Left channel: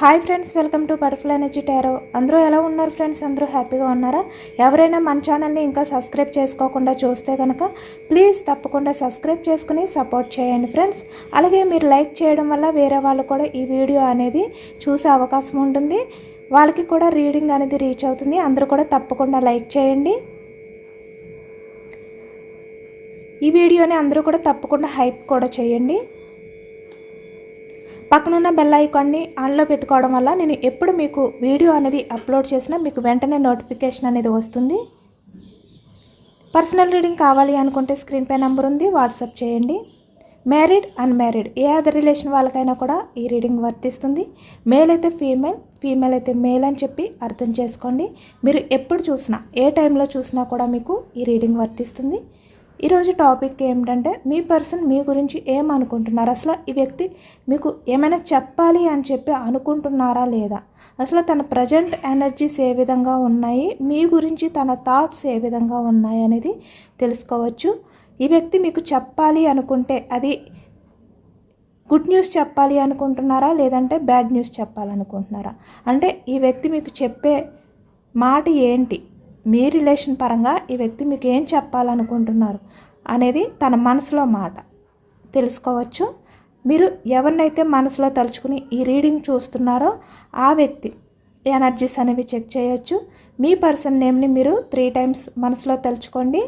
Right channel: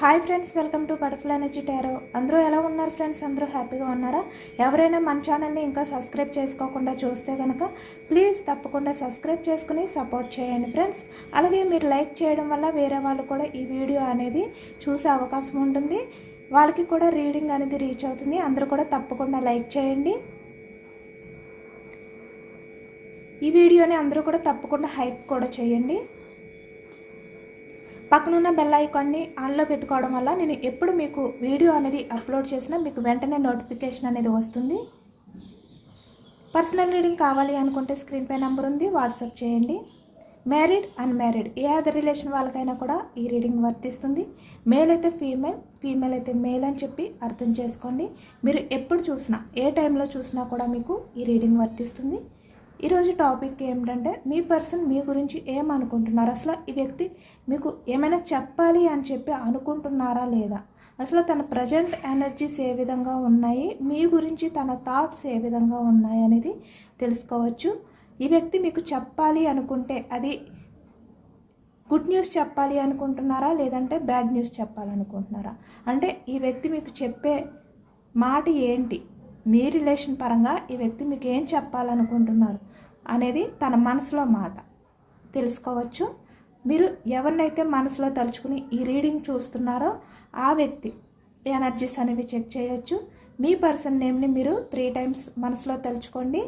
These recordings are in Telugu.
Hi friends, welcome to butterfly energy tarot. అందరూ ఎలా ఉన్నారు ఫ్రెండ్స్? అందరూ హ్యాపీగా ఉన్నారా? ఎవరైనా మన ఛానల్ని ఇంకా సబ్స్క్రైబ్ చేసుకోకుండా చూస్తే కనుక ప్లీజ్ తప్పకుండా సబ్స్క్రైబ్ చేసుకుని సపోర్ట్ చేయండి ఫ్రెండ్స్. అలాగే మీరు లైక్ చేయడం వల్ల వేరే వాళ్ళు కూడా ఈ వీడియో అనేది చూసే అవకాశం ఉంటుంది, వాళ్ళకి కూడా రీడింగ్ అనేది రీచ్ అవుతుంది. అందరూ కూడా తప్పకుండా లైక్ చేయండి. ఈ వీడియోని అందరూ కూడా తప్పకుండా హైప్ కూడా చేయండి. పక్కనున్న బెల్ ఐకాన్ని ఆన్లో పెట్టుకోవడం వల్ల నేను ఎప్పుడు మీకు వీడియో అనేది అప్లోడ్ చేసినా మీకు వెంటనే నోటిఫికేషన్ అనేది వస్తుంది. పర్సనల్ రీడింగ్ కావాలి అనుకుంటే స్క్రీన్ పై నెంబర్ ఉంది, వాట్సాప్ చేయండి. మ్యారీడ్, అన్మ్యారీడ్ ఏ అదర్ రిలేషన్ వాళ్ళకైనా కూడా ఈ రీడింగ్ వర్తిస్తుంది. మేల్ అయితే ఫీమేల్, ఫీమేల్ అయితే మేల్ అని చెప్పి అర్థం చేసుకోండి. మీరు ఎప్పుడు చూసినా ఏ టైంలో చూసినా కూడా మీకు ఈ రీడింగ్ వర్తిస్తుంది. ఈరోజు టాపిక్ ఏమిటంటే మీ పర్సన్ మీ గురించి ఏమనుకుంటున్నారు, అసలు ఈ వ్యక్తి మీకు ఏమైనా చెప్పాలి అని చెప్పి అనుకుంటున్నారా లేదా, అసలు తన ప్రజెంట్ ఎనర్జీస్ ఏ విధంగా ఉన్నాయి, మీ గురించి తన థాట్స్ ఏ విధంగా ఉన్నాయి అనేది తెలుసుకోవచ్చు. ఈ వ్యక్తి మీకు చెప్పాలి అనుకుంటే అది గుడ్ న్యూస్ చెప్పాలి అనుకుంటున్నారా, లేదంటే బ్యాడ్ న్యూస్ చెప్పాలనుకుంటున్నారా, అంటే ఈ వ్యక్తి మీకు చెప్పే మాట ఏంటి, మీ రిలేషన్ పరంగా ఈ వ్యక్తి మీకు ఏం చెప్పాలనుకుంటున్నారు అనేది తన మనసులో మాట తెలుసుకోవచ్చు. మీరు ఎవరినైతే మనసులో తలుచుకుని ఈ రీడింగ్ చూస్తున్నారో ఆ వ్యక్తి ఎనర్జీస్ అనేవి చెక్ చేయొచ్చు. మీ పర్సన్ నేమ్ని మీరు 3 times మనసులో తలుచుకోండి.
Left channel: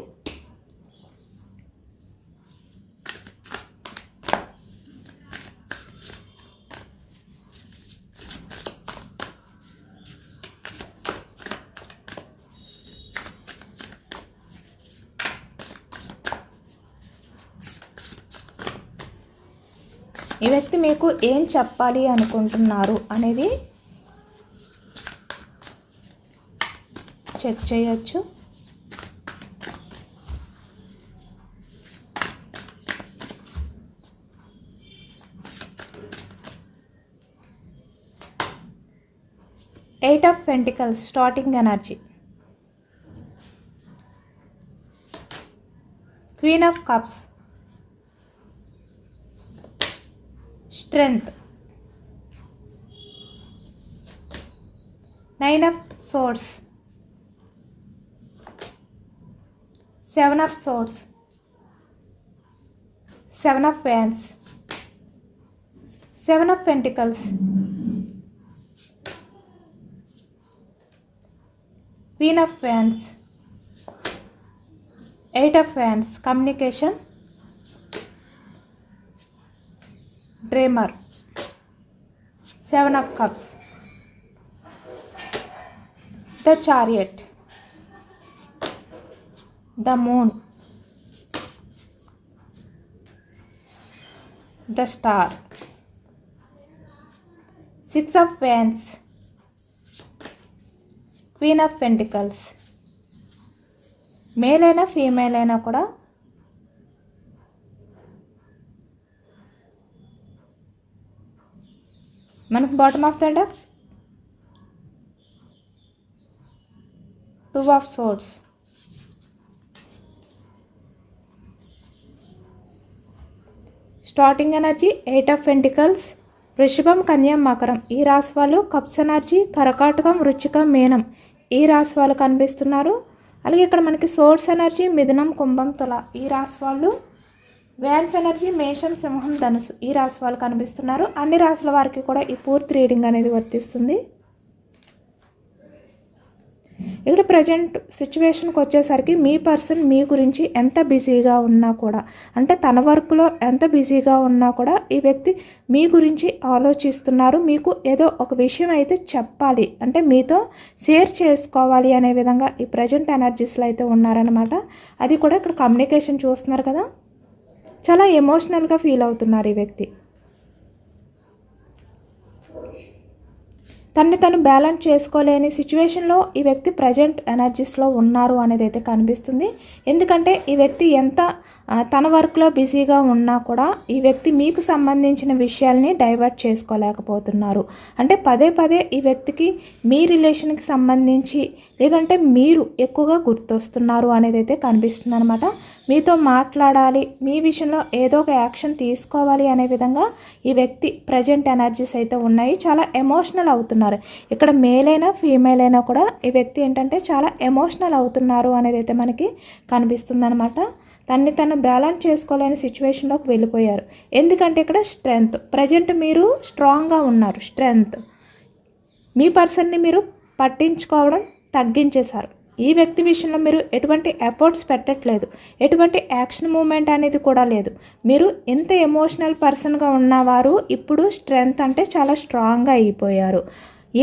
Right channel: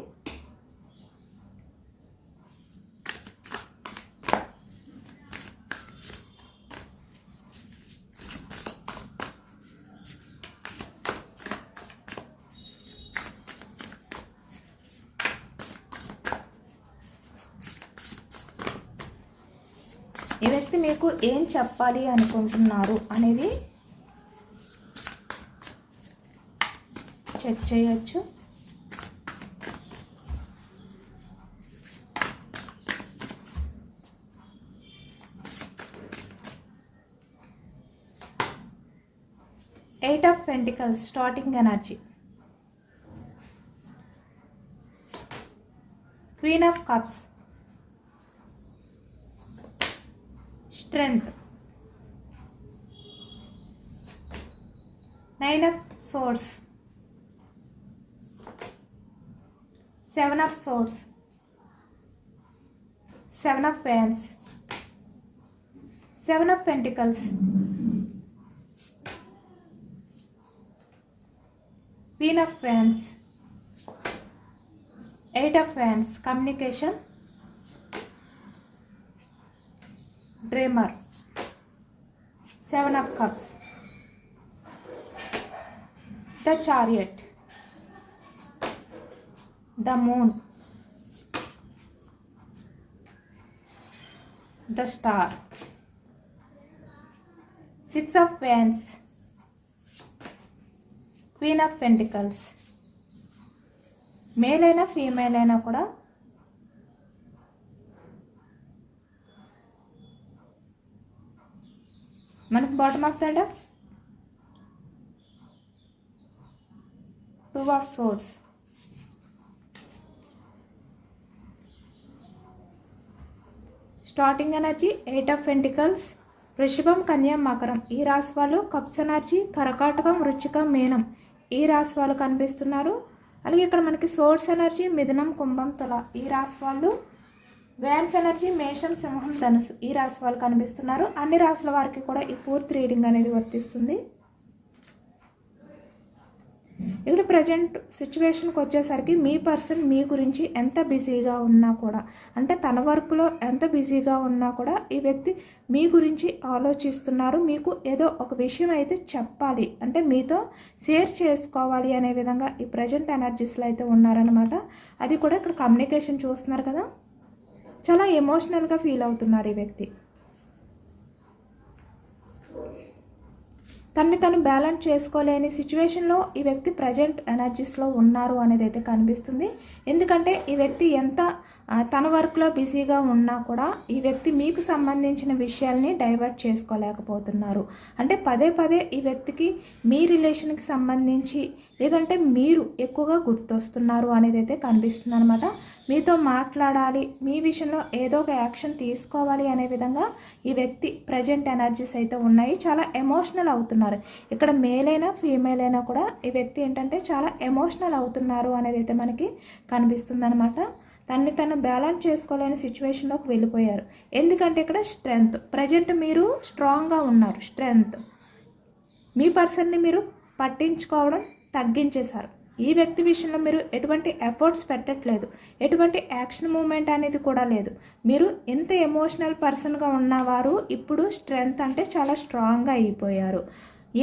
ఈ వ్యక్తి మీకు ఏం చెప్పాలి అనుకుంటున్నారు అనేది చెక్ చేయొచ్చు. Eight of Pentacles starting energy, Queen of Cups strength, Nine of Swords, Seven of Swords, Seven of Wands, Seven of Pentacles, Queen of Wands, Eight of Wands communication, Dreamer, Seven of Cups, the Chariot, the Moon, the Star, Six of Wands, Queen of Pentacles. Male అయినా ఫీమేల్ అయినా కూడా మనకు bottom of the deck Two of Swords, starting energy Eight of Pentacles, వృషభం, కన్య, మకరం ఈ రాశి వాళ్ళు. కప్స్ ఎనర్జీ కర్కాటకం, వృశ్చికం, మీనం ఈ రాశి వాళ్ళు కనిపిస్తున్నారు. అలాగే ఇక్కడ మనకి సోర్స్ ఎనర్జీ మిథునం, కుంభం, తుల ఈ రాశి వాళ్ళు. వ్యాన్స్ ఎనర్జీ మేషం, సింహం, ధనుసు ఈ రాశి వాళ్ళు కనిపిస్తున్నారు. అన్ని రాశుల వారికి కూడా ఈ పూర్తి రీడింగ్ అనేది వర్తిస్తుంది. ఇక్కడ ప్రజెంట్ సిచ్యువేషన్కి వచ్చేసరికి మీ పర్సన్ మీ గురించి ఎంత బిజీగా ఉన్నా కూడా, అంటే తన వర్క్లో ఎంత బిజీగా ఉన్నా కూడా ఈ వ్యక్తి మీ గురించి ఆలోచిస్తున్నారు. మీకు ఏదో ఒక విషయం అయితే చెప్పాలి, అంటే మీతో షేర్ చేసుకోవాలి అనే విధంగా ఈ ప్రజెంట్ ఎనర్జీస్లో అయితే ఉన్నారనమాట. అది కూడా ఇక్కడ కమ్యూనికేషన్ చూస్తున్నారు కదా, చాలా ఎమోషనల్గా ఫీల్ అవుతున్నారు ఈ వ్యక్తి. తన్ని తను బ్యాలెన్స్ చేసుకోలేని సిచ్యువేషన్లో ఈ వ్యక్తి ప్రజెంట్ ఎనర్జీస్లో ఉన్నారు అనేది అయితే కనిపిస్తుంది. ఎందుకంటే ఈ వ్యక్తి ఎంత తన వర్క్లో బిజీగా ఉన్నా కూడా ఈ వ్యక్తి మీకు సంబంధించిన విషయాల్ని డైవర్ట్ చేసుకోలేకపోతున్నారు. అంటే పదే పదే ఈ వ్యక్తికి మీ రిలేషన్కి సంబంధించి లేదంటే మీరు ఎక్కువగా గుర్తొస్తున్నారు అనేది అయితే కనిపిస్తుంది అనమాట. మీతో మాట్లాడాలి, మీ విషయంలో ఏదో ఒక యాక్షన్ తీసుకోవాలి అనే విధంగా ఈ వ్యక్తి ప్రజెంట్ ఎనర్జీస్ అయితే ఉన్నాయి. చాలా ఎమోషనల్ అవుతున్నారు. ఇక్కడ మేల్ అయినా ఫీమేల్ అయినా కూడా ఈ వ్యక్తి ఏంటంటే చాలా ఎమోషనల్ అవుతున్నారు అనేది అయితే మనకి కనిపిస్తుంది అనమాట. తను బ్యాలెన్స్ చేసుకోలేని సిచ్యువేషన్లోకి వెళ్ళిపోయారు. ఎందుకంటే ఇక్కడ స్ట్రెంగ్త్, ప్రజెంట్ మీరు స్ట్రాంగ్గా ఉన్నారు. స్ట్రెంగ్త్, మీ పర్సన్ని మీరు పట్టించుకోవడం తగ్గించేశారు. ఈ వ్యక్తి విషయంలో మీరు ఎటువంటి ఎఫర్ట్స్ పెట్టట్లేదు, ఎటువంటి యాక్షన్ మూమెంట్ అనేది కూడా లేదు. మీరు ఎంత ఎమోషనల్ పర్సన్గా ఉన్నవారు ఇప్పుడు స్ట్రెంగ్త్ అంటే చాలా స్ట్రాంగ్గా అయిపోయారు.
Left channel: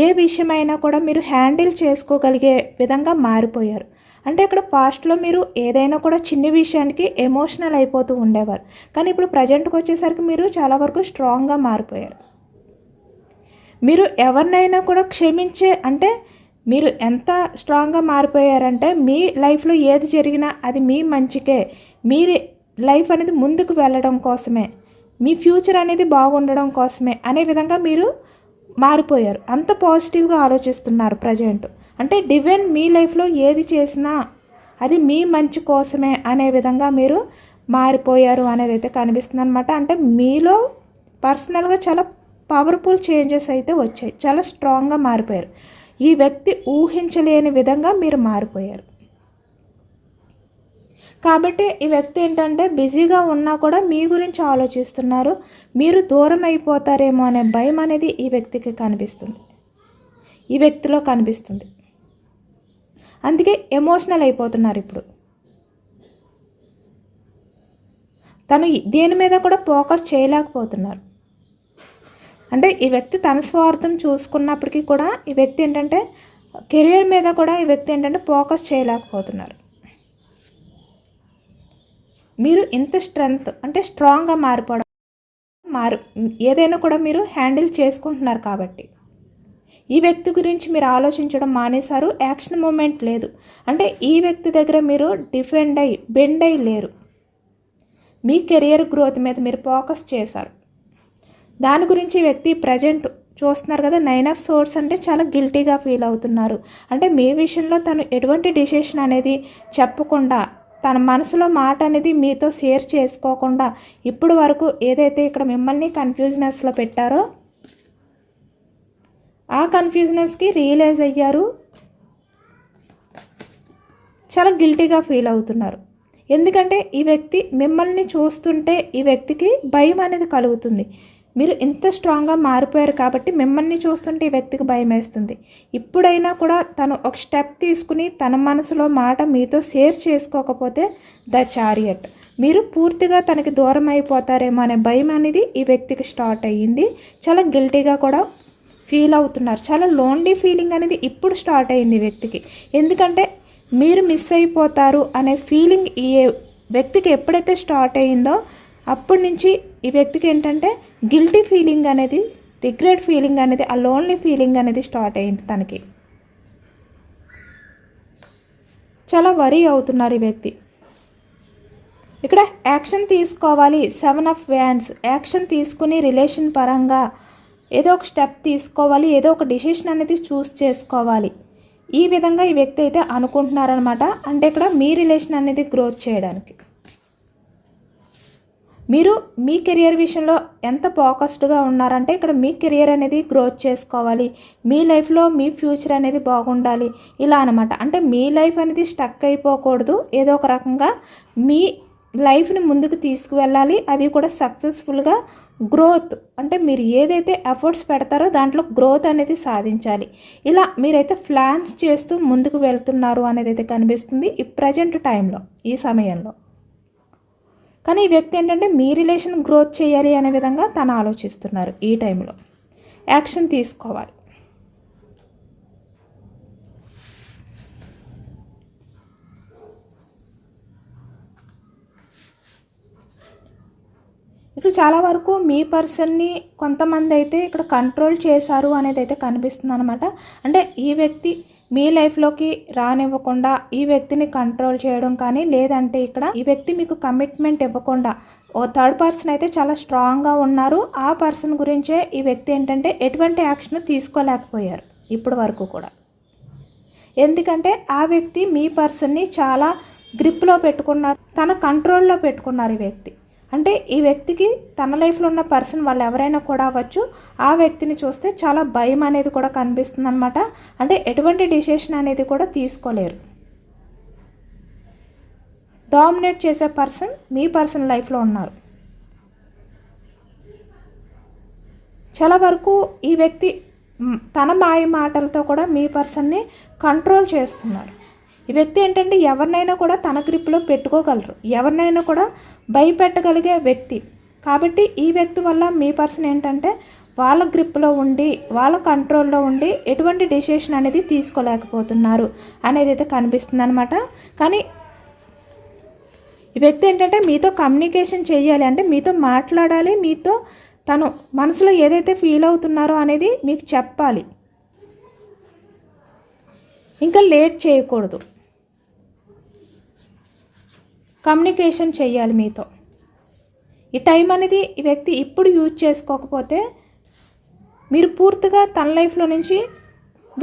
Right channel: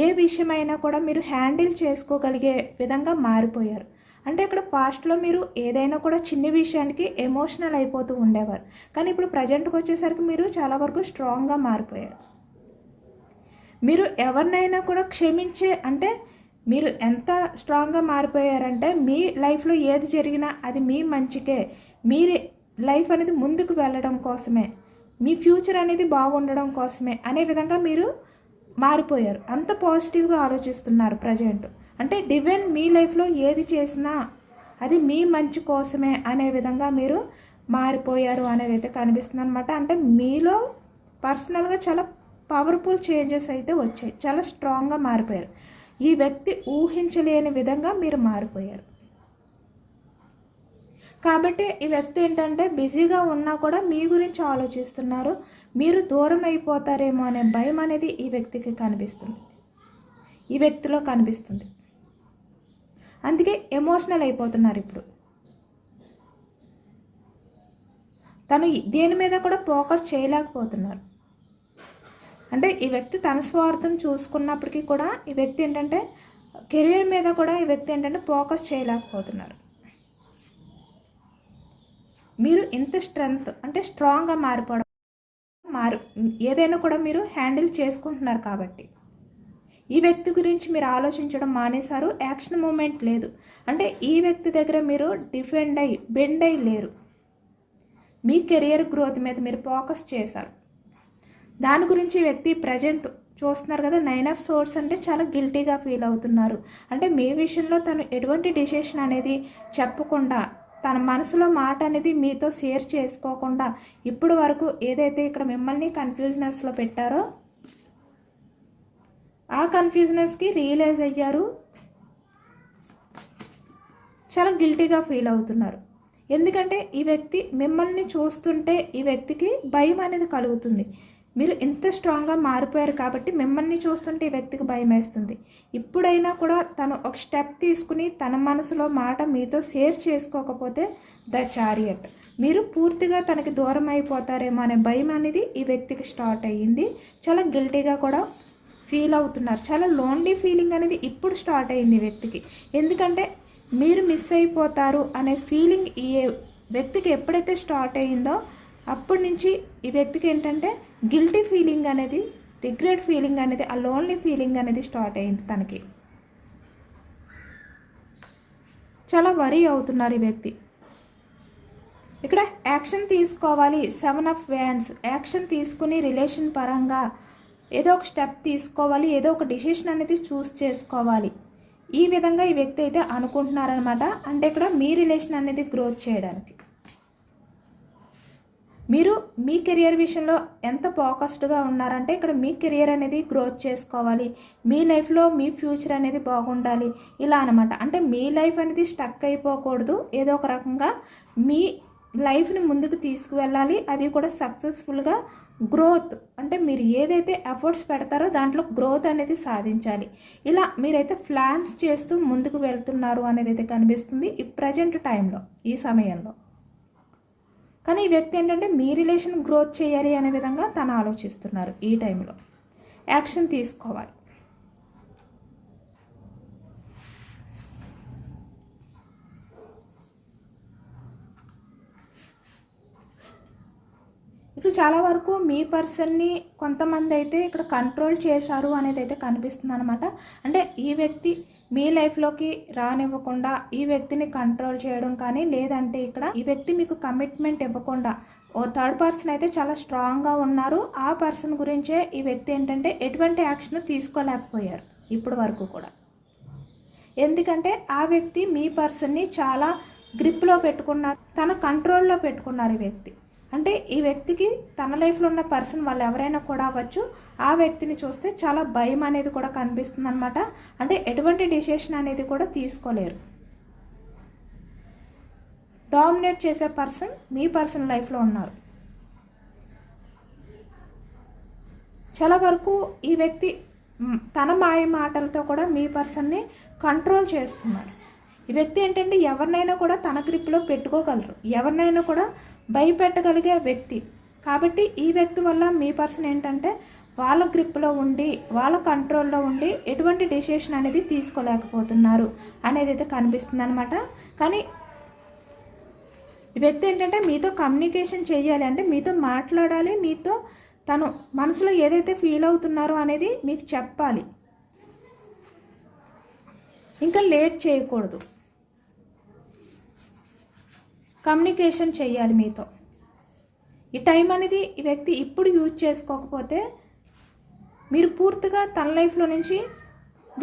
ఏ విషయమైనా కూడా మీరు హ్యాండిల్ చేసుకోగలిగే విధంగా మారిపోయారు. అంటే ఇక్కడ పాస్ట్లో మీరు ఏదైనా కూడా చిన్న విషయానికి ఎమోషనల్ అయిపోతూ ఉండేవారు, కానీ ఇప్పుడు ప్రజెంట్కి వచ్చేసరికి మీరు చాలా వరకు స్ట్రాంగ్గా మారిపోయారు. మీరు ఎవరినైనా కూడా క్షమించే, అంటే మీరు ఎంత స్ట్రాంగ్గా మారిపోయారంటే మీ లైఫ్లో ఏది జరిగినా అది మీ మంచికే, మీ లైఫ్ అనేది ముందుకు వెళ్ళడం కోసమే, మీ ఫ్యూచర్ అనేది బాగుండడం కోసమే అనే విధంగా మీరు మారిపోయారు. అంత పాజిటివ్గా ఆలోచిస్తున్నారు ప్రజెంట్. అంటే డివైన్ మీ లైఫ్లో ఏది చేసినా అది మీ మంచి కోసమే అనే విధంగా మీరు మారిపోయారు అనేది అయితే కనిపిస్తుంది అనమాట. అంటే మీలో పర్సనల్గా చాలా పవర్ఫుల్ చేంజెస్ అయితే వచ్చాయి, చాలా స్ట్రాంగ్గా మారిపోయారు. ఈ వ్యక్తి ఊహించలేని విధంగా మీరు మారిపోయారు. కాబట్టి ఈ వ్యక్తి ఏంటంటే బిజీగా ఉన్నా కూడా మీ గురించి ఆలోచిస్తున్నారు. మీరు దూరం అయిపోతారేమో అనే భయం అనేది ఈ వ్యక్తికి కనిపిస్తుంది, ఈ వ్యక్తిలో కనిపిస్తుంది. అందుకే ఎమోషనల్ అయిపోతున్నారు. ఇప్పుడు తను దేని మీద కూడా ఫోకస్ చేయలేకపోతున్నారు. అంటే ఈ వ్యక్తి తన స్వార్థం చూసుకున్నప్పటికీ కూడా ఈ వ్యక్తి ఏంటంటే కెరియర్ మీద కూడా ఈ వ్యక్తి ఏంటంటే ఫోకస్ చేయలేకపోతున్నారు. మీరు ఇంత స్ట్రెంగ్త్ అంటే స్ట్రాంగ్గా మారిపోవడం, ఏదైనా కూడా మీరు హ్యాండిల్ చేసుకుంటున్నారు. కాబట్టి ఈ వ్యక్తి గురించి మీరు ఆలోచించడం మానేశారు. యాక్షన్ మూమెంట్ లేదు. అంటే ఈ వ్యక్తి దగ్గర మీరు బెండ్ అయి లేరు. మీ కెరియర్ గ్రోత్ మీద మీరు ఫోకస్ చేశారు. దాని గురించి ఈ వ్యక్తి ప్రజెంట్ చూస్తున్నారు కదా, 9 ఆఫ్ సోర్స్ అంటే చాలా గిల్టీగా ఫీల్ అవుతున్నారు. అంటే మీ విషయంలో తను ఎటువంటి డిసిషన్ అనేది చెప్పకుండా, తన మనసులో మాట అనేది మీతో షేర్ చేసుకోకుండా ఇప్పుడు వరకు ఏదైతే ఇక్కడ మిమ్మల్ని కన్ఫ్యూజనెస్లో పెట్టారో ఆ కన్ఫ్యూజనెస్కి రియలైజ్ అయ్యారు. చాలా గిల్టీగా ఫీల్ అవుతున్నారు. ఎందుకంటే ఈ వ్యక్తి మిమ్మల్ని చూస్తుంటే ఈ వ్యక్తికి భయం అనేది కలుగుతుంది. మీరు ఇంత స్ట్రాంగ్గా మారిపోయారు కాబట్టి మిమ్మల్ని చూస్తుంటే ఈ వ్యక్తికి భయం వేస్తుంది. ఇప్పుడైనా కూడా తను ఒక స్టెప్ తీసుకుని తన మనసులో మాట మీతో షేర్ చేసుకోకపోతే ద చారియట్, మీరు పూర్తిగా తనకి దూరం అయిపోతారేమో అనే భయం అనేది ఈ వ్యక్తికి స్టార్ట్ అయ్యింది. చాలా గిల్టీగా కూడా ఫీల్ అవుతున్నారు. చాలా లోన్లీ ఫీలింగ్ అనేది ఇప్పుడు స్టార్ట్ అయింది ఈ వ్యక్తికి. ఎందుకంటే మీరు మిస్ అయిపోతారు అనే ఫీలింగ్ ఈ వ్యక్తికి ఎప్పుడైతే స్టార్ట్ అయ్యిందో అప్పటి నుంచి ఈ వ్యక్తికి ఏంటంటే గిల్టీ ఫీలింగ్ అనేది, రిగ్రెట్ ఫీలింగ్ అనేది, ఆ లోన్లీ ఫీలింగ్ అనేది స్టార్ట్ అయింది తనకి. చాలా వరీ అవుతున్నారు ఈ వ్యక్తి. ఇక్కడ యాక్షన్ తీసుకోవాలి. 7 ఆఫ్ వ్యాండ్స్, యాక్షన్ తీసుకుని రిలేషన్ పరంగా ఏదో ఒక స్టెప్ తీసుకోవాలి, ఏదో ఒక డిసిషన్ అనేది చూస్ చేసుకోవాలి. ఈ విధంగా ఈ వ్యక్తి అయితే అనుకుంటున్నారనమాట. అంటే ఇక్కడ మీ రిలేషన్ అనేది గ్రోత్ చేయడానికి మీరు మీ కెరియర్ విషయంలో ఎంత ఫోకస్డ్గా ఉన్నారంటే ఇక్కడ మీ కెరియర్ అనేది గ్రోత్ చేసుకోవాలి, మీ లైఫ్లో మీ ఫ్యూచర్ అనేది బాగుండాలి, ఇలా అనమాట. అంటే మీ లైఫ్ అనేది స్టక్ అయిపోకూడదు, ఏదో ఒక రకంగా మీ లైఫ్ని ముందుకు తీసుకువెళ్ళాలి. అది కూడా సక్సెస్ఫుల్గా గ్రోత్, అంటే మీరు ఏదైతే ఎఫర్ట్స్ పెడతారో దాంట్లో గ్రోత్ అనేది సాధించాలి. ఇలా మీరైతే ప్లాన్స్ చేస్తూ ముందుకు వెళ్తున్నారు అనేది అయితే కనిపిస్తుంది ఈ ప్రజెంట్ టైంలో, ఈ సమయంలో. కానీ ఈ వ్యక్తి ఏంటంటే మీ రిలేషన్ గ్రోత్ చేయాలి అనే విధంగా తను ఆలోచిస్తున్నారు. ఈ టైంలో యాక్షన్ తీసుకోవాలి. ఇక్కడ చాలా వరకు మీ పర్సన్ని కొంతమంది అయితే ఇక్కడ కంట్రోల్ చేశారు అనేది అయితే కనిపిస్తుంది అనమాట. అంటే ఈ వ్యక్తి మీ లైఫ్లోకి రానివ్వకుండా ఈ వ్యక్తిని కంట్రోల్ చేయడం కానీ, లేదంటే ఇక్కడ ఈ వ్యక్తి మీకు కమిట్మెంట్ ఇవ్వకుండా ఓ థర్డ్ పర్సన్ అయితే చాలా స్ట్రాంగ్గా ఉన్నారు. ఆ పర్సన్ గురించే ఈ వ్యక్తి ఏంటంటే ఎటువంటి యాక్షన్ తీసుకోలేకపోయారు ఇప్పటి వరకు కూడా. ఎందుకంటే ఆ వ్యక్తి మీ పర్సన్ని చాలా గ్రిప్లో పెట్టుకున్నారు, తన కంట్రోల్లో పెట్టుకున్నారు ఈ వ్యక్తి. అంటే ఈ వ్యక్తికి తన లైఫ్లో ఉన్న పర్సన్ వాళ్ళు ఎవరైనా కూడా అవ్వచ్చు, ఆ వ్యక్తిని చూస్తే చాలా భయం అనేది కూడా కనిపిస్తుంది అనమాట. అంటే ఎటువంటి డిసిషన్ అనేది కూడా తీసుకోలేరు. డామినేట్ చేసే పర్సన్ మీ పర్సన్ లైఫ్లో ఉన్నారు. చాలా వరకు ఈ వ్యక్తి తన మాయ మాటలతో కూడా మీ పర్సన్ని కంట్రోల్ చేస్తున్నారు. ఈ వ్యక్తి ఏంటంటే ఎవరినైనా కూడా తన గ్రిప్లో పెట్టుకోగలరు, ఎవరినైనా కూడా భయపెట్టగలిగే వ్యక్తి. కాబట్టి ఈ వ్యక్తి వల్ల మీ పర్సన్ ఏంటంటే వాళ్ళ గ్రిప్లో ఉండి, వాళ్ళ కంట్రోల్లో ఉండి ఎటువంటి డెసిషన్ అనేది తీసుకోలేకపోతున్నారు అనేది అయితే కనిపిస్తుంది అనమాట. కానీ ఈ వ్యక్తి ఏంటంటే మీతో కమ్యూనికేషన్ చేయాలి, అంటే మీతో మాట్లాడాలి, మీతో తను మనసులో ఏదైతే ఫీల్ అవుతున్నారో అనేది మీకు చెప్పాలి. ఇంకా లేట్ చేయకూడదు, కమ్యూనికేషన్ చేయాలి మీతో. ఈ టైం అనేది ఈ వ్యక్తి ఇప్పుడు యూజ్ చేసుకోకపోతే మీరు పూర్తిగా తన లైఫ్లో నుంచి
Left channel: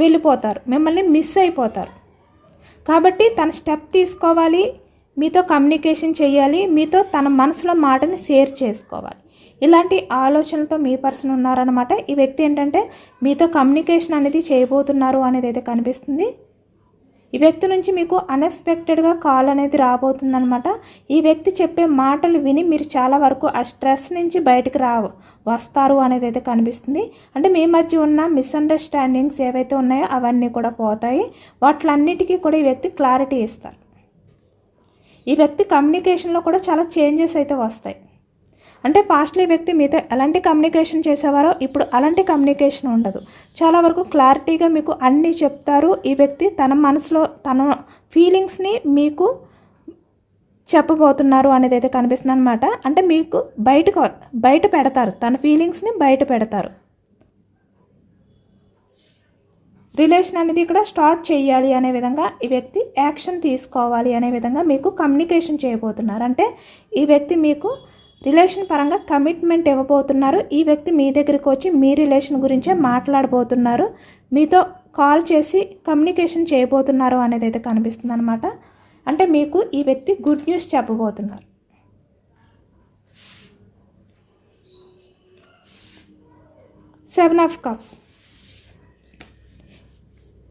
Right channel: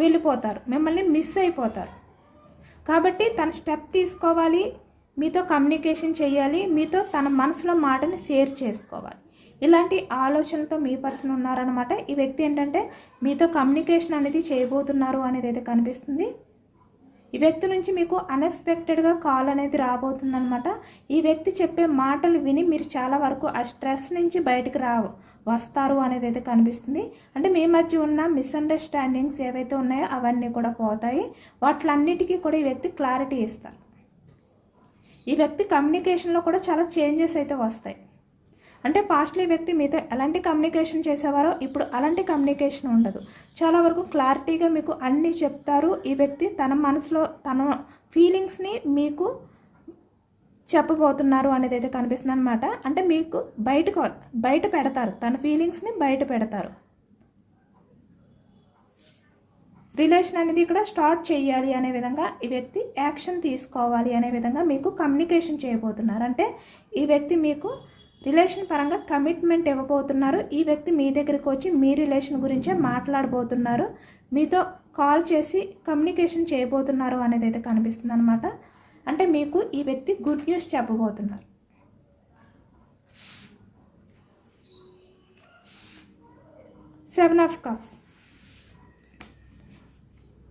వెళ్ళిపోతారు, మిమ్మల్ని మిస్ అయిపోతారు. కాబట్టి తన స్టెప్ తీసుకోవాలి, మీతో కమ్యూనికేషన్ చేయాలి, మీతో తన మనసులో మాటని షేర్ చేసుకోవాలి. ఇలాంటి ఆలోచనలతో మీ పర్సన్ ఉన్నారనమాట. ఈ వ్యక్తి ఏంటంటే మీతో కమ్యూనికేషన్ అనేది చేయబోతున్నారు అనేది అయితే కనిపిస్తుంది. ఈ వ్యక్తి నుంచి మీకు అన్ఎక్స్పెక్టెడ్గా కాల్ అనేది రాబోతుందనమాట. ఈ వ్యక్తి చెప్పే మాటలు విని మీరు చాలా వరకు ఆ స్ట్రెస్ నుంచి బయటకు వస్తారు అనేది అయితే కనిపిస్తుంది. అంటే మీ మధ్య ఉన్న మిస్అండర్స్టాండింగ్స్ ఏవైతే ఉన్నాయో అవన్నీ కూడా పోతాయి. వాటిలన్నిటికీ కూడా ఈ వ్యక్తి క్లారిటీ ఇస్తారు. ఈ వ్యక్తి కమ్యూనికేషన్లో కూడా చాలా చేంజెస్ అయితే వస్తాయి. అంటే పాస్ట్లో ఈ వ్యక్తి మీతో ఎలాంటి కమ్యూనికేషన్ చేసేవారో ఇప్పుడు అలాంటి కమ్యూనికేషన్ ఉండదు. చాలా వరకు క్లారిటీగా మీకు అన్నీ చెప్తారు. ఈ వ్యక్తి తన మనసులో తన ఫీలింగ్స్ని మీకు చెప్పబోతున్నారు అనేది అయితే కనిపిస్తుంది అనమాట. అంటే మీకు బయట పెడతారు, తన ఫీలింగ్స్ని బయట పెడతారు. రిలేషన్ అనేది ఇక్కడ స్టార్ట్ చేయాలి అనే విధంగా ఈ వ్యక్తి యాక్షన్ తీసుకోవాలి అనే విధంగా మీకు కమ్యూనికేషన్ చేయబోతున్నారు. అంటే ఈ వ్యక్తి మీకు రిలేషన్ పరంగా కమిట్మెంట్ ఇవ్వబోతున్నారు. ఈ వ్యక్తి మీ దగ్గరికి వచ్చి మీ రిలేషన్ గురించే మాట్లాడబోతున్నారు, మీతో కాల్ చేసి కమ్యూనికేషన్ చేయబోతున్నారు అనేది అయితే కనిపిస్తుంది అనమాట. అంటే మీకు ఈ వ్యక్తి గుడ్ న్యూస్ చెప్పబోతున్నారు. Seven of cups.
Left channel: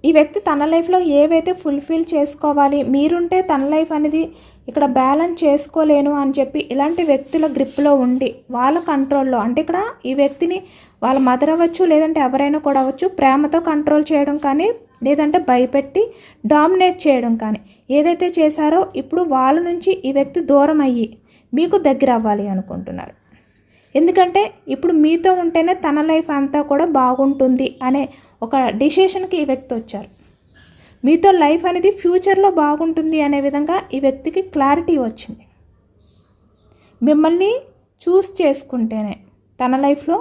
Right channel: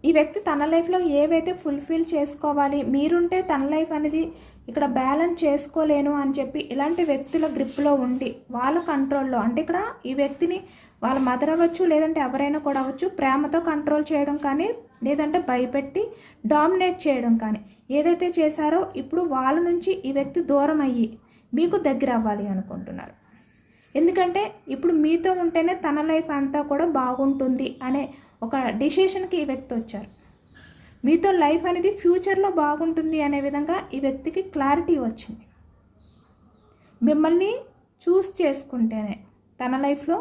ఈ వ్యక్తి తన లైఫ్లో ఏవైతే ఫుల్ఫిల్ చేసుకోవాలి, మీరుంటే తన లైఫ్ అనేది ఇక్కడ బ్యాలెన్స్ చేసుకోలేను అని చెప్పి ఇలాంటి వ్యక్తుల గ్రిప్లో ఉండి వాళ్ళ కంట్రోల్లో, అంటే ఇక్కడ ఈ వ్యక్తిని వాళ్ళ మదర్ అవ్వచ్చు, లేదంటే ఎవరైనా కూడా అవ్వచ్చు, ప్రేమతో కంట్రోల్ చేయడం కానీ, లేదంటే భయపెట్టి డామినేట్ చేయడం కానీ ఏదైతే చేశారో ఇప్పుడు వాళ్ళ నుంచి ఈ వ్యక్తి దూరం అయ్యి మీకు దగ్గర అవ్వాలి అనుకుంటున్నారు. ఎందుకంటే ఇప్పుడు మీతో ఉంటేనే తన లైఫ్ అంతా కూడా బాగుంటుంది అనే ఒక డిసిషన్కి ఈ వ్యక్తి వచ్చారు. మీతో లైఫ్ అనేది ఫ్యూచర్లో బాగుంటుంది అనే విధంగా ఈ వ్యక్తికి క్లారిటీ వచ్చింది. మిమ్మల్ని చూస్ చేసుకుంటేనే తన లైఫ్లో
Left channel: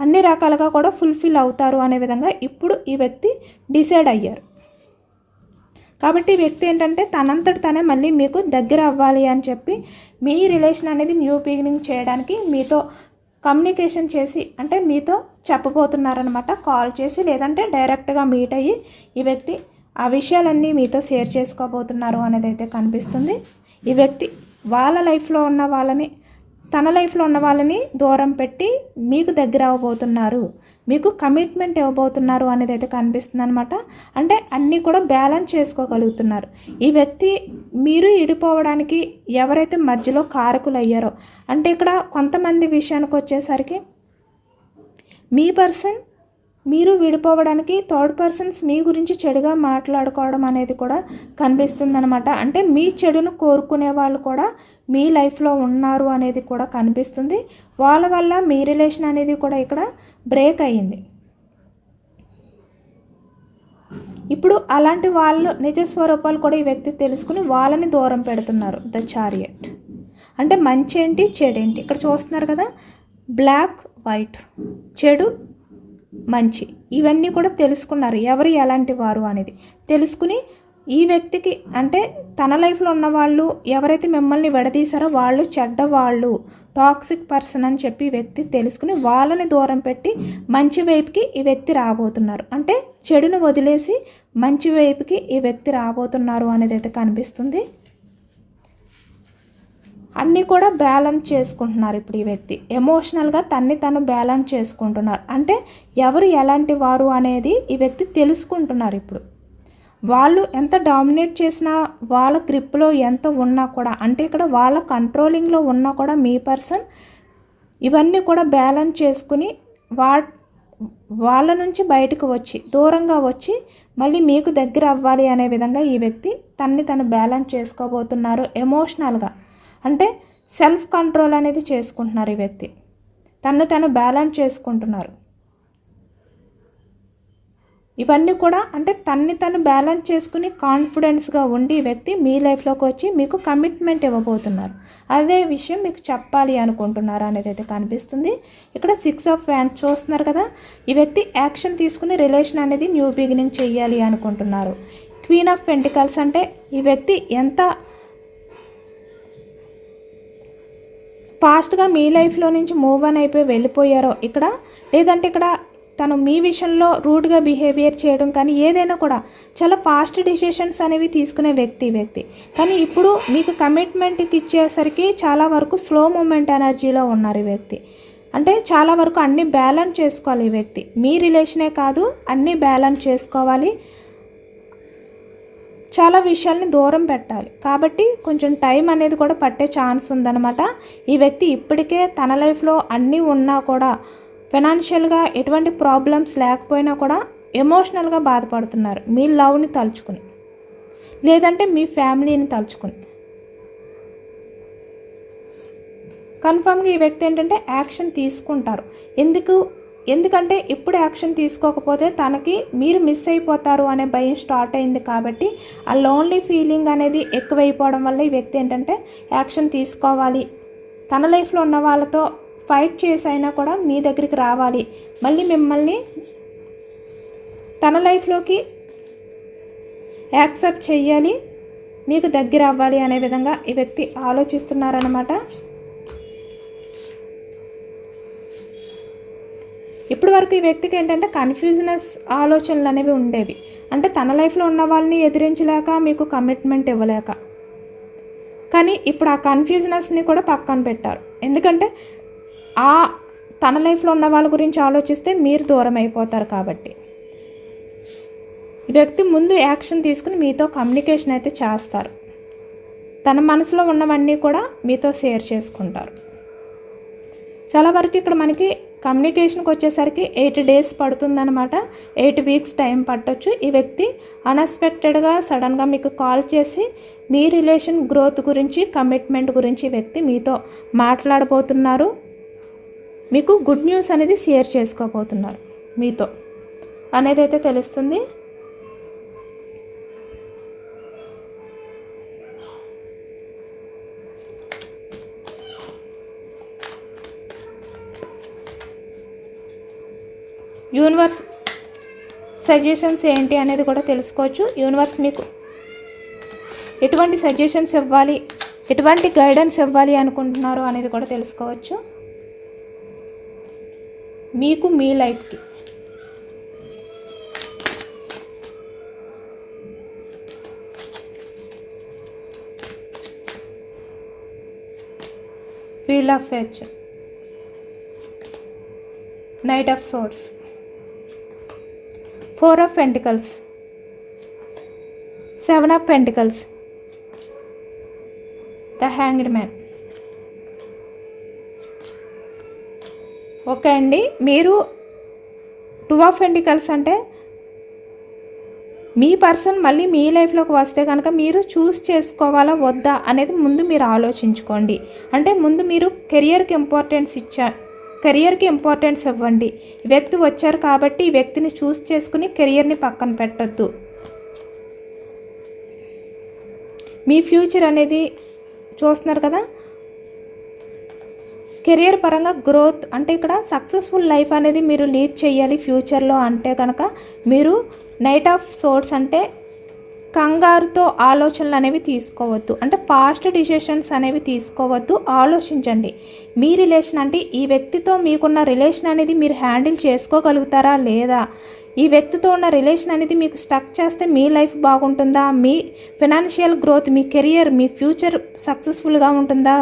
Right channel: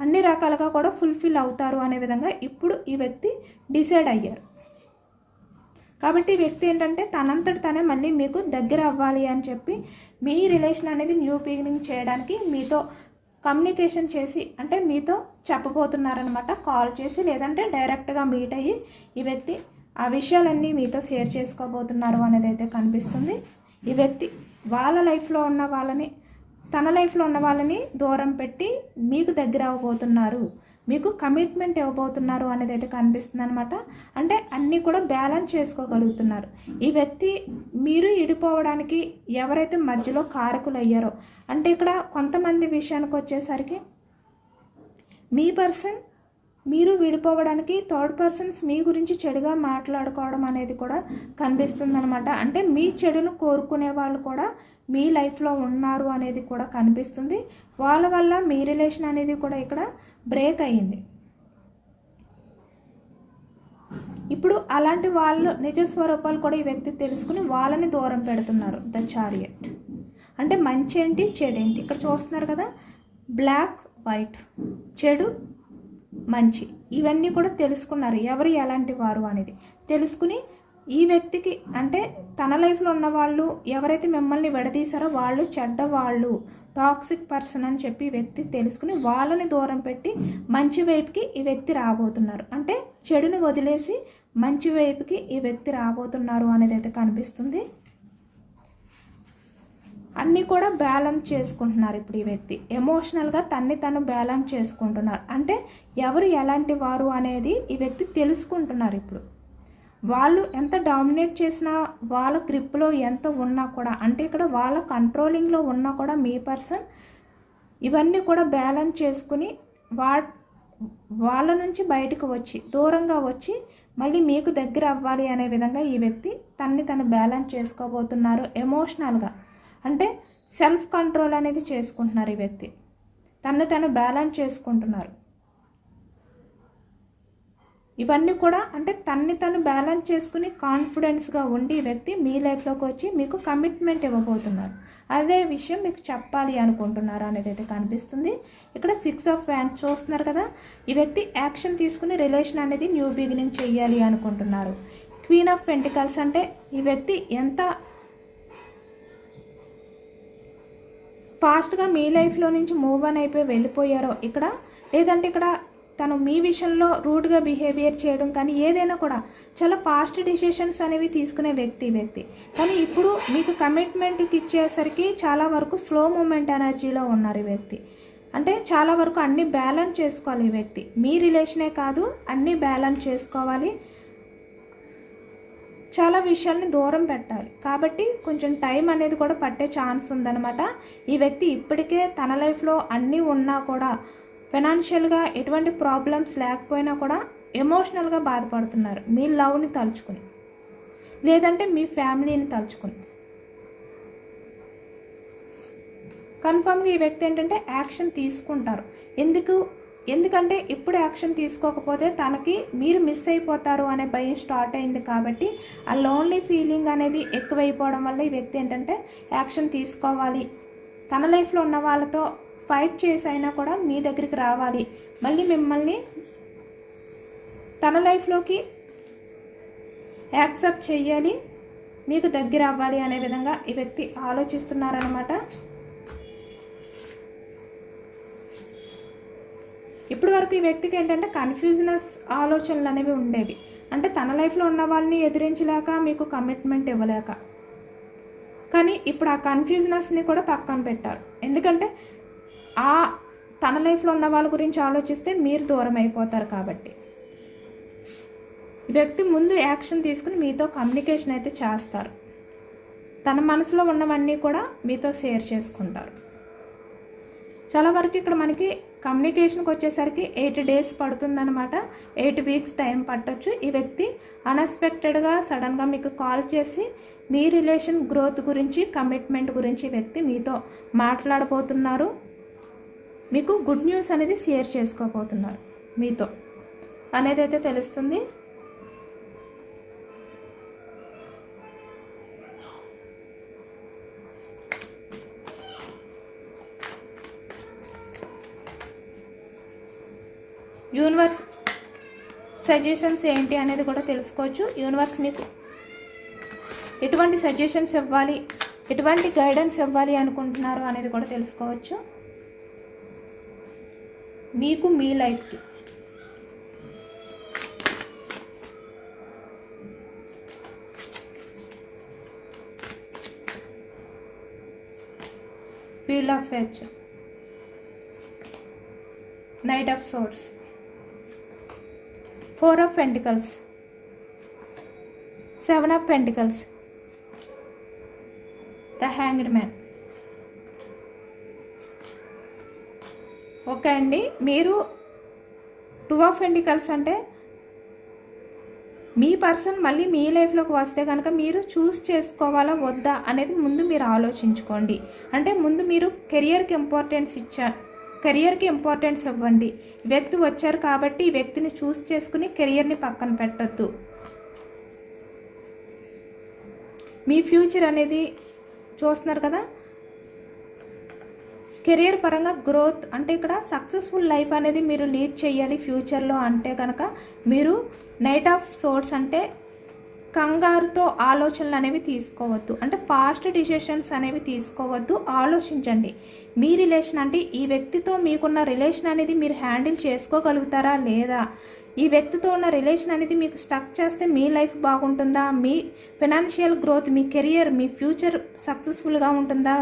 అన్ని రకాలుగా కూడా ఫుల్ఫిల్ అవుతారు అనే విధంగా ఇప్పుడు ఈ వ్యక్తి డిసైడ్ అయ్యారు. కాబట్టి ఈ వ్యక్తి ఏంటంటే తనంతటి తనే మళ్ళీ మీకు దగ్గర అవ్వాలి అని చెప్పి మీ రిలేషన్ అనేది న్యూ బిగినింగ్ చేయడానికి మీతో కమ్యూనికేషన్ చేసి, అంటే మీతో చెప్పబోతున్నారనమాట. కాల్ చేసి లేదంటే డైరెక్ట్గా మీట్ అయ్యి ఈ వ్యక్తి ఆ విషయాలన్నీ మీతో షేర్ చేసుకోబోతున్నారు అనేది అయితే కనిపిస్తుంది. ఈ వ్యక్తి వాళ్ళ లైఫ్లో ఉన్న వాళ్ళని, తన లైఫ్లో ఉన్న వాళ్ళని దూరం పెట్టి మీకు దగ్గర అవ్వబోతున్నారు, మీకు కమిట్మెంట్ ఇవ్వబోతున్నారు అనేది అయితే కనిపిస్తుంది అనమాట. అంటే అన్నీ కూడా బ్యాలెన్స్ చేసుకోగలుగుతున్నారు. ఈ వ్యక్తి మీరు ఇడిపోవడానికి ఎవరైతే మధ్యలో కారకులు అయ్యారో, అంటే ఇక్కడ కొంతమంది విషయానికి వచ్చేసరికి మీ పర్సన్ మీరు విడిపోవడానికి థర్డ్ పర్సన్స్ మీ గురించి చెడుగా మాట్లాడుకోవడం అనేది కూడా కనిపిస్తుంది అనమాట. అంటే మీ చెడును కోరుకునే వాళ్ళు కూడా మీ లైఫ్లో ఉన్నారు అనేది కూడా కనిపిస్తుంది. వాళ్ళ వల్ల మీ రిలేషన్ అనేది కూడా ఇక్కడ బ్రేక్ అయ్యింది. ఇప్పుడు అలాంటి వాళ్ళు నిజ స్వరూపాలు కూడా ఈ వ్యక్తి తెలుసుకుని వాళ్ళని దూరం పెడుతున్నారు. ద చారియట్ అంటే మంచి ఏంటి చెడు ఏంటి ఇక్కడ చూస్తున్నారు కదా, బ్లాక్ వైట్, చెడు మంచి, ఇవన్నీ కూడా తెలుసుకున్నారు ఎవరు ఎలాంటి వారు అనేది తెలుసుకుని ఈ వ్యక్తికి అంటే తన లైఫ్లో ఉన్న వాళ్ళు ఎవరైతే మిమ్మల్ని విడదీశారో వాళ్ళు చెడ్డవాళ్ళు, టాక్సిక్ పర్సన్ అని చెప్పి ఈ వ్యక్తి తెలుసుకుని వాళ్ళని దూరం పెట్టి మంచి వైపుకి ఈ వ్యక్తి రాబోతున్నారు. అంటే చెడును వదిలేసి మంచి వైపుకి ఈ వ్యక్తి రాబోతున్నారు అనేది అయితే కనిపిస్తుంది. అన్నీ కూడా బ్యాలెన్స్ చేసుకుంటున్నారు ఇప్పుడు ఈ వ్యక్తి. ఎమోషనల్గా తను బ్యాలెన్స్ చేసుకుంటున్నారు. అంటే ఎవరు ఎలాంటి వారు అనేది ఈ వ్యక్తి తెలుసుకుంటున్నారు ఇప్పుడు. వాళ్ళు ఎంత డామినేట్ చేసినా, వాళ్ళ గ్రిప్లో ఎంత ఉన్నా కూడా, అంటే ఇక్కడ వాళ్ళ కంట్రోలింగ్లో ఉన్నా కూడా మీ పర్సన్ ఇవన్నీ కూడా బ్యాలెన్స్ చేసుకుని వాళ్ళ నుంచి బయటకు వచ్చి దూరంగా వచ్చి మళ్ళీ మీకు దగ్గర అవ్వాలి అనే విధంగా ఈ వ్యక్తి తను బ్యాలెన్స్ చేసుకోబోతున్నారు. ఎమోషనల్గా అంటే సెల్ఫ్ కంట్రోల్ అనేది చేసుకుంటున్నారు ఈ వ్యక్తి. తను బ్యాలెన్స్ చేసుకుంటున్నారు. ఇవన్నీ కూడా అంటే తను బ్యాలెన్స్ చేసుకుని కాన్ఫిడెన్స్గా ఉండి ఈ వ్యక్తి మీ లైఫ్లోకి వచ్చి మీకు కమిట్మెంట్ ఇవ్వబోతున్నారు. అదే విషయం మీకు చెప్పాలి అనుకుంటున్నారు అనేది అయితే కనిపిస్తుంది. ఇక్కడ 6 ఆఫ్ వ్యాండ్స్ చూస్తున్నారు కదా, ఈ వ్యక్తి యాక్షన్ తీసుకుని రిలేషన్ అనేది న్యూ బిగినింగ్ చేయాలి అనుకుంటున్నారు. క్వీన్ ఆఫ్ పెంటికల్స్ అంటే ఈ వ్యక్తి ఎంత ఫాస్ట్గా మీ లైఫ్లో నుంచి మూవ్ ఆన్ అయిపోయి వెళ్ళిపోయారో ఇక్కడ, లేదంటే ఇక్కడ తను మీ విషయంలో రూడ్గా బిహేవియర్ చేయడం కానీ ఏదైనా కూడా చాలా ఫాస్ట్ డిసిషన్స్ అనేవి తీసుకునే వ్యక్తి. కానీ ఇప్పుడు మీకు కమిట్మెంట్కి ఇచ్చేసరికి చాలా వరకు స్లో మూమెంట్ ఎనర్జీలో ఉన్నారు ఈ వ్యక్తి. అంటే చాలా వరకు అన్నీ బ్యాలెన్స్ చేసుకోవాలి ఈ వ్యక్తి. మీ రిలేషనే కాదు, అన్నీ బ్యాలెన్స్ చేసుకోవాలి. చాలా విషయాల్ని దూరం పెట్టాలి. కాబట్టి కొంచెం టైం అనేది కూడా పట్టే ఛాన్స్ ఉందన్నమాట. ఈ వ్యక్తి ఇప్పటికే తన లైఫ్లో అన్నీ ఉన్నా కూడా, ఫైనాన్షియల్గా ఎటువంటి ప్రాబ్లమ్స్ లేకపోయినా కూడా ఎమోషనల్గా బాధపడుతున్నారు. మీ లవ్ని తలుచుకుని, లేదంటే మీ ఫ్యామిలీని తలుచుకుని. కన్ఫామ్గా ఈ వ్యక్తి ఏంటంటే యాక్షన్ తీసుకుంటారు. ఎందుకంటే ఇప్పుడు యాక్షన్ తీసుకోకపోతే తనకి మీరు మిస్ అయిపోతారు అనే భయం స్టార్ట్ అయింది. కాబట్టి ఆ లోన్లీ ఫీలింగ్ అనేది ఎక్కువైపోవడం వల్ల ఈ వ్యక్తి ఏంటంటే యాక్షన్ తీసుకోవాలి. తన లైఫ్లో ఉన్న వాళ్ళతో ఫైట్ చేసి అయినా కూడా మీ దగ్గరికి రావాలి, మళ్ళీ మిమ్మల్ని తన లైఫ్లోకి యాక్సెప్ట్ చేయాలి, మీకు దగ్గర అవ్వాలి అనే విధంగా ఈ వ్యక్తి ఆలోచిస్తున్నారన్నమాట. ఇప్పటి వరకు ఈ వ్యక్తికి ఏంటంటే కన్ఫ్యూజనస్ ఆలోచనలు అనేవి ఉండేవి. అంటే తన లైఫ్లో ఉన్న వాళ్ళని ఎదిరించలేక, మీకు కమిట్మెంట్ ఇవ్వలేక. కానీ ఇప్పుడు ఆ కన్ఫ్యూజనస్ని కూడా పక్కన పెట్టారు. ఎందుకంటే తన లైఫ్లో ఉన్న వాళ్ళ గురించి ఆలోచిస్తే మీరు దూరం అయిపోతారు. కాబట్టి ఈ వ్యక్తి ముందు యాక్షన్ తీసుకుని మీతో కమ్యూనికేషన్ అయితే చేస్తారు. తన మనసులో ఉన్నవన్నీ కూడా మీతో షేర్ చేసుకుంటారు. చాలా వరకు ఇక్కడ మనకి కమ్యూనికేషన్కి వచ్చేసరికి 8 days పడుతుందన్నమాట. 8 weeks టైం పట్టొచ్చు. ఈ వ్యక్తి అన్ఎక్స్పెక్టెడ్గా సడన్గా మీకు కాల్ చేసి మీ రిలేషన్ గ్రోత్ గురించి, కమిట్మెంట్ గురించి ఈ వ్యక్తి మీతో మాట్లాడబోతున్నారు. మీకు గుడ్ న్యూస్ అనేది షేర్ చేసుకోబోతున్నారు మీతో అనేది అయితే తెలుస్తుంది. యూనివర్స్ సజెషన్స్ ఏంటి అనేది కూడా తెలుసుకోవచ్చు. యూనివర్స్ మీకు ఎటువంటి సజెషన్స్ ఇవ్వాలి, ఎటువంటి గైడెన్స్ ఇవ్వాలి అనుకుంటున్నారు అనేది కూడా తెలుసుకోవచ్చు. మీకు మీ లైఫ్కి wheel of fortune, knight of swords, 4 of Pentacles, 7 of Pentacles, the Hanged Man. Okay అండి, మీరు 2 of Pentacles అంటే మీ పర్సన్ మళ్ళీ మీ లైఫ్లోకి వస్తే కనుక మీరు చూస్ చేసుకోవాలా వద్దా అనేది ముందు మీరు ఆలోచించుకోండి. అంటే ముందు మీరు కెరియర్కి ఇంపార్టెన్స్ ఇవ్వండి. ఈ వ్యక్తి వచ్చారు కాబట్టి ఈ వ్యక్తిని చూస్ చేసుకుని కెరియర్ని పక్కన పెట్టద్దు. మీ ఫ్యూచర్ అనేది చూస్తున్నారు కదా, కెరియర్ పరంగా గ్రోత్ అంటే ఇక్కడ సక్సెస్ఫుల్ లైఫ్ అనేది మీరు లీడ్ చేయాలి ఫ్యూచర్లో అంటే కనుక మీరు నైట్ ఆఫ్ సోర్స్ అంటే కంగారుతో ఆలోచనలు అనేవి తీసుకోవద్దు, అంటే పాస్ట్ డిసిషన్స్ అనేవి తీసుకోవద్దు. ఆలోచించండి మీ రిలేషన్ అంటే ఈ వ్యక్తితో మీకున్న రిలేషన్ అనేది మీరు హ్యాండిల్ చేసుకోగలుగుతారా లేదా, ఈ వ్యక్తితో ఉన్న రిలేషన్ అనేది మీకు స్టక్ చేస్తే మీ లైఫ్ బాగుంటుందా, మీ ఫైనాన్షియల్ గ్రోత్, మీ కెరియర్, మీ ఫ్యూచర్ సక్సెస్ఫుల్గా ఉంటుందా,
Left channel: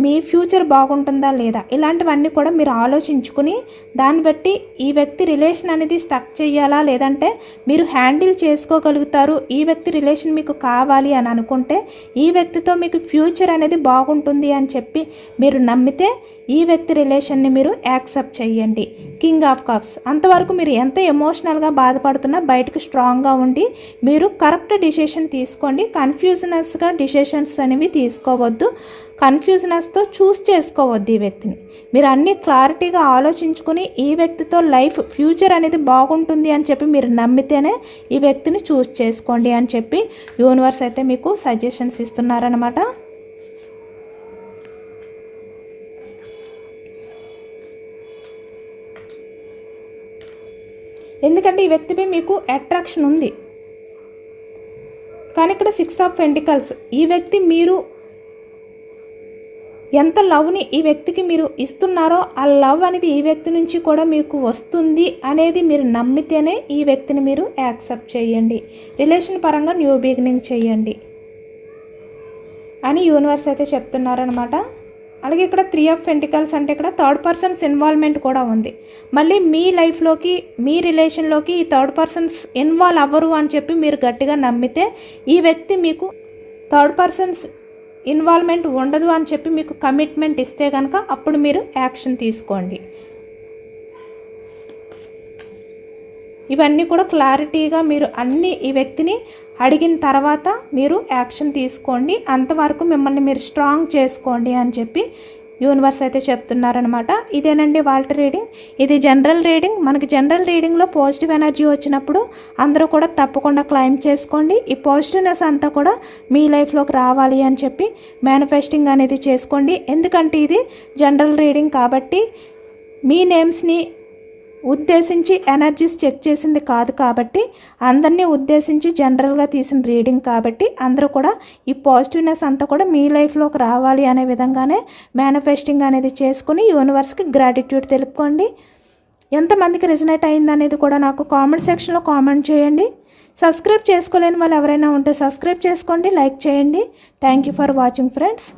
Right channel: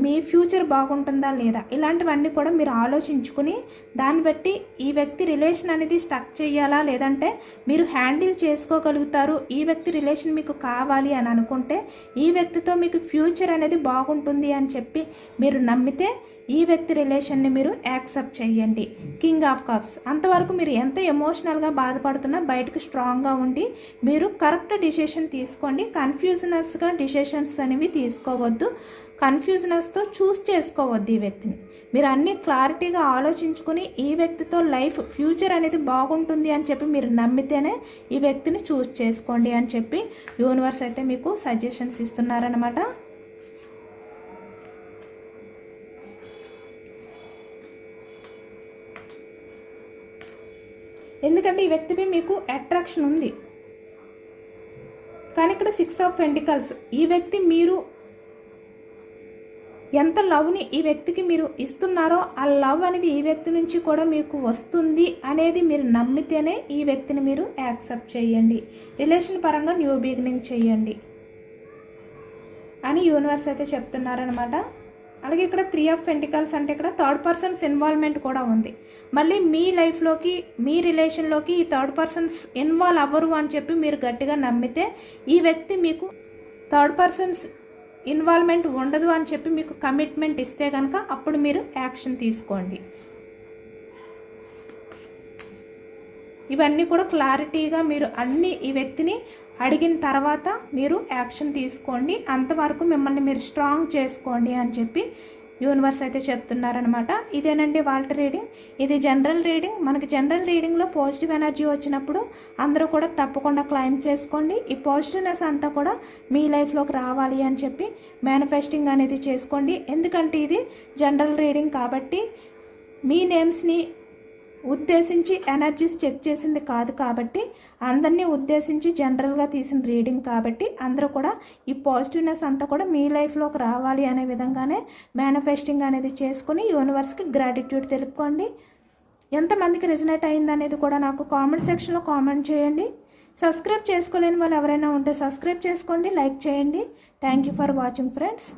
మీ ఫ్యూచర్ బాగుంటుందా లేదా, ఇలాంటివన్నీ కూడా మీరు ఆలోచించుకుని దాన్ని బట్టి ఈ వ్యక్తి రిలేషన్ అనేది స్టక్ చేయాలా లేదంటే మీరు హ్యాండిల్ చేసుకోగలుగుతారు, ఈ వ్యక్తి రిలేషన్ మీకు కావాలి అని అనుకుంటే ఈ వ్యక్తితో మీకు ఫ్యూచర్ అనేది బాగుంటుంది అని చెప్పి మీరు నమ్మితే ఈ వ్యక్తి రిలేషన్ని మీరు యాక్సెప్ట్ చేయండి. కింగ్ ఆఫ్ కప్స్, అంతవరకు మీరు ఎంత ఎమోషనల్గా బాధపడుతున్నా బయటకు స్ట్రాంగ్గా ఉండి మీరు కరెక్ట్ డిసిషన్ తీసుకోండి. కన్ఫ్యూజనస్గా డిసిషన్స్ అనేవి తీసుకోవద్దు, కన్ఫ్యూజనెస్తో చూస్ చేసుకోవద్దు. ఈ వ్యక్తిని మీరు అన్నీ క్లారిటీగా ఆలోచించుకుని ఈ వ్యక్తితో లైఫ్ ఫ్యూచర్ అనేది బాగుంటుంది అని చెప్పి మీరు నమ్మితేనే ఈ వ్యక్తిని చూస్ చేసుకోండి అని చెప్పి యూనివర్స్ అయితే మీకు సజెషన్స్ ఇస్తున్నారనమాట. ఎందుకంటే ఈ వ్యక్తిపై మీకు అట్రాక్షన్ ఉంది, కానీ ఇక్కడ 6 ఆఫ్ పెంటికల్స్, ఈ వ్యక్తి మీరు ఎంత లవ్ని ఈ వ్యక్తికి మీరు ఇస్తున్నారో ఆ లవ్ అనేది ఈ వ్యక్తి నుంచి కూడా మీకు వస్తుంది అనేది మీరు నమ్మితేనే ఈ వ్యక్తిని మీరు యాక్సెప్ట్ చేయండి, రిలేషన్ పరంగా న్యూ బిగినింగ్ చేయండి అని యూనివర్స్ అయితే చెప్తున్నారనమాట. అలాగే ఇక్కడ 3 ఆఫ్ పెంటికల్స్ అంటే ఇక్కడ థర్డ్ పర్సన్స్ ఇన్వాల్వ్మెంట్ కూడా ఉంది. మళ్ళీ మీ లైఫ్లోకి మీ రిలేషన్లోకి ఈ థర్డ్ పర్సన్స్ ఇన్వాల్వ్ అవ్వరు అని చెప్పి మీరు గట్టిగా నమ్మితే ఈ వ్యక్తి మీకు థర్డ్ పర్సన్స్ ఇన్వాల్వ్మెంట్ ఉండదు అని చెప్పి మీకు కమిట్మెంట్ ఇస్తే కనుక అప్పుడు మీరు యాక్షన్ తీసుకోండి. ఇవన్నీ కూడా క్లారిటీగా మీరు అన్నీ ఈ వ్యక్తిని అడిగిన తర్వాత మీరు యాక్షన్ తీసుకోండి, అంతవరకు మిమ్మల్ని మీరు స్ట్రాంగ్ చేసుకోండి అని చెప్పి యూనివర్స్ అయితే చెప్తున్నారనమాట. ఇదేనండి వాళ్ళ రీడింగ్. ఇది జనరల్ రీడింగ్. మనకి జనరల్ రీడింగ్లో పాజిటివ్ ఎనర్జీ వచ్చినప్పుడు అందరూ కూడా తప్పకుండా క్లైమ్ చేసుకోండి. ఈ పాజిటివ్నెస్ అంతా కూడా మీ లైఫ్లోకి రావాలి అని చెప్పి మేనిఫెస్టింగ్ అనేది చేసుకోండి. ఎందుకంటే ఇది జనరల్ రీడింగ్ కాబట్టి మీ నేమ్స్ని ఉద్దేశించి ఎనర్జీస్ చెక్ చేసింది కాదు, కాబట్టి అందరినీ ఉద్దేశించి జనరల్గా తీసిన రీడింగ్ కాబట్టి అందరూ కూడా ఈ పాజిటివ్నెస్ అంతా కూడా మీ లైఫ్లోకి రావాలి అనే విధంగానే మేనిఫెస్టింగ్ అనేది చేసుకుని యూనివర్స్కి గ్రాటిట్యూడ్ తెలుపుకోండి. ఎంతమందికి రిజనేట్ అయింది అనేది కూడా నాకు కామెంట్ సెక్షన్లో కామెంట్ చేయండి. సబ్స్క్రైబ్ చేసుకోలేని వాళ్ళు ఎవరైనా ఉంటే సబ్స్క్రైబ్ చేసుకోండి, లైక్ చేయండి. Thank you for watching friends.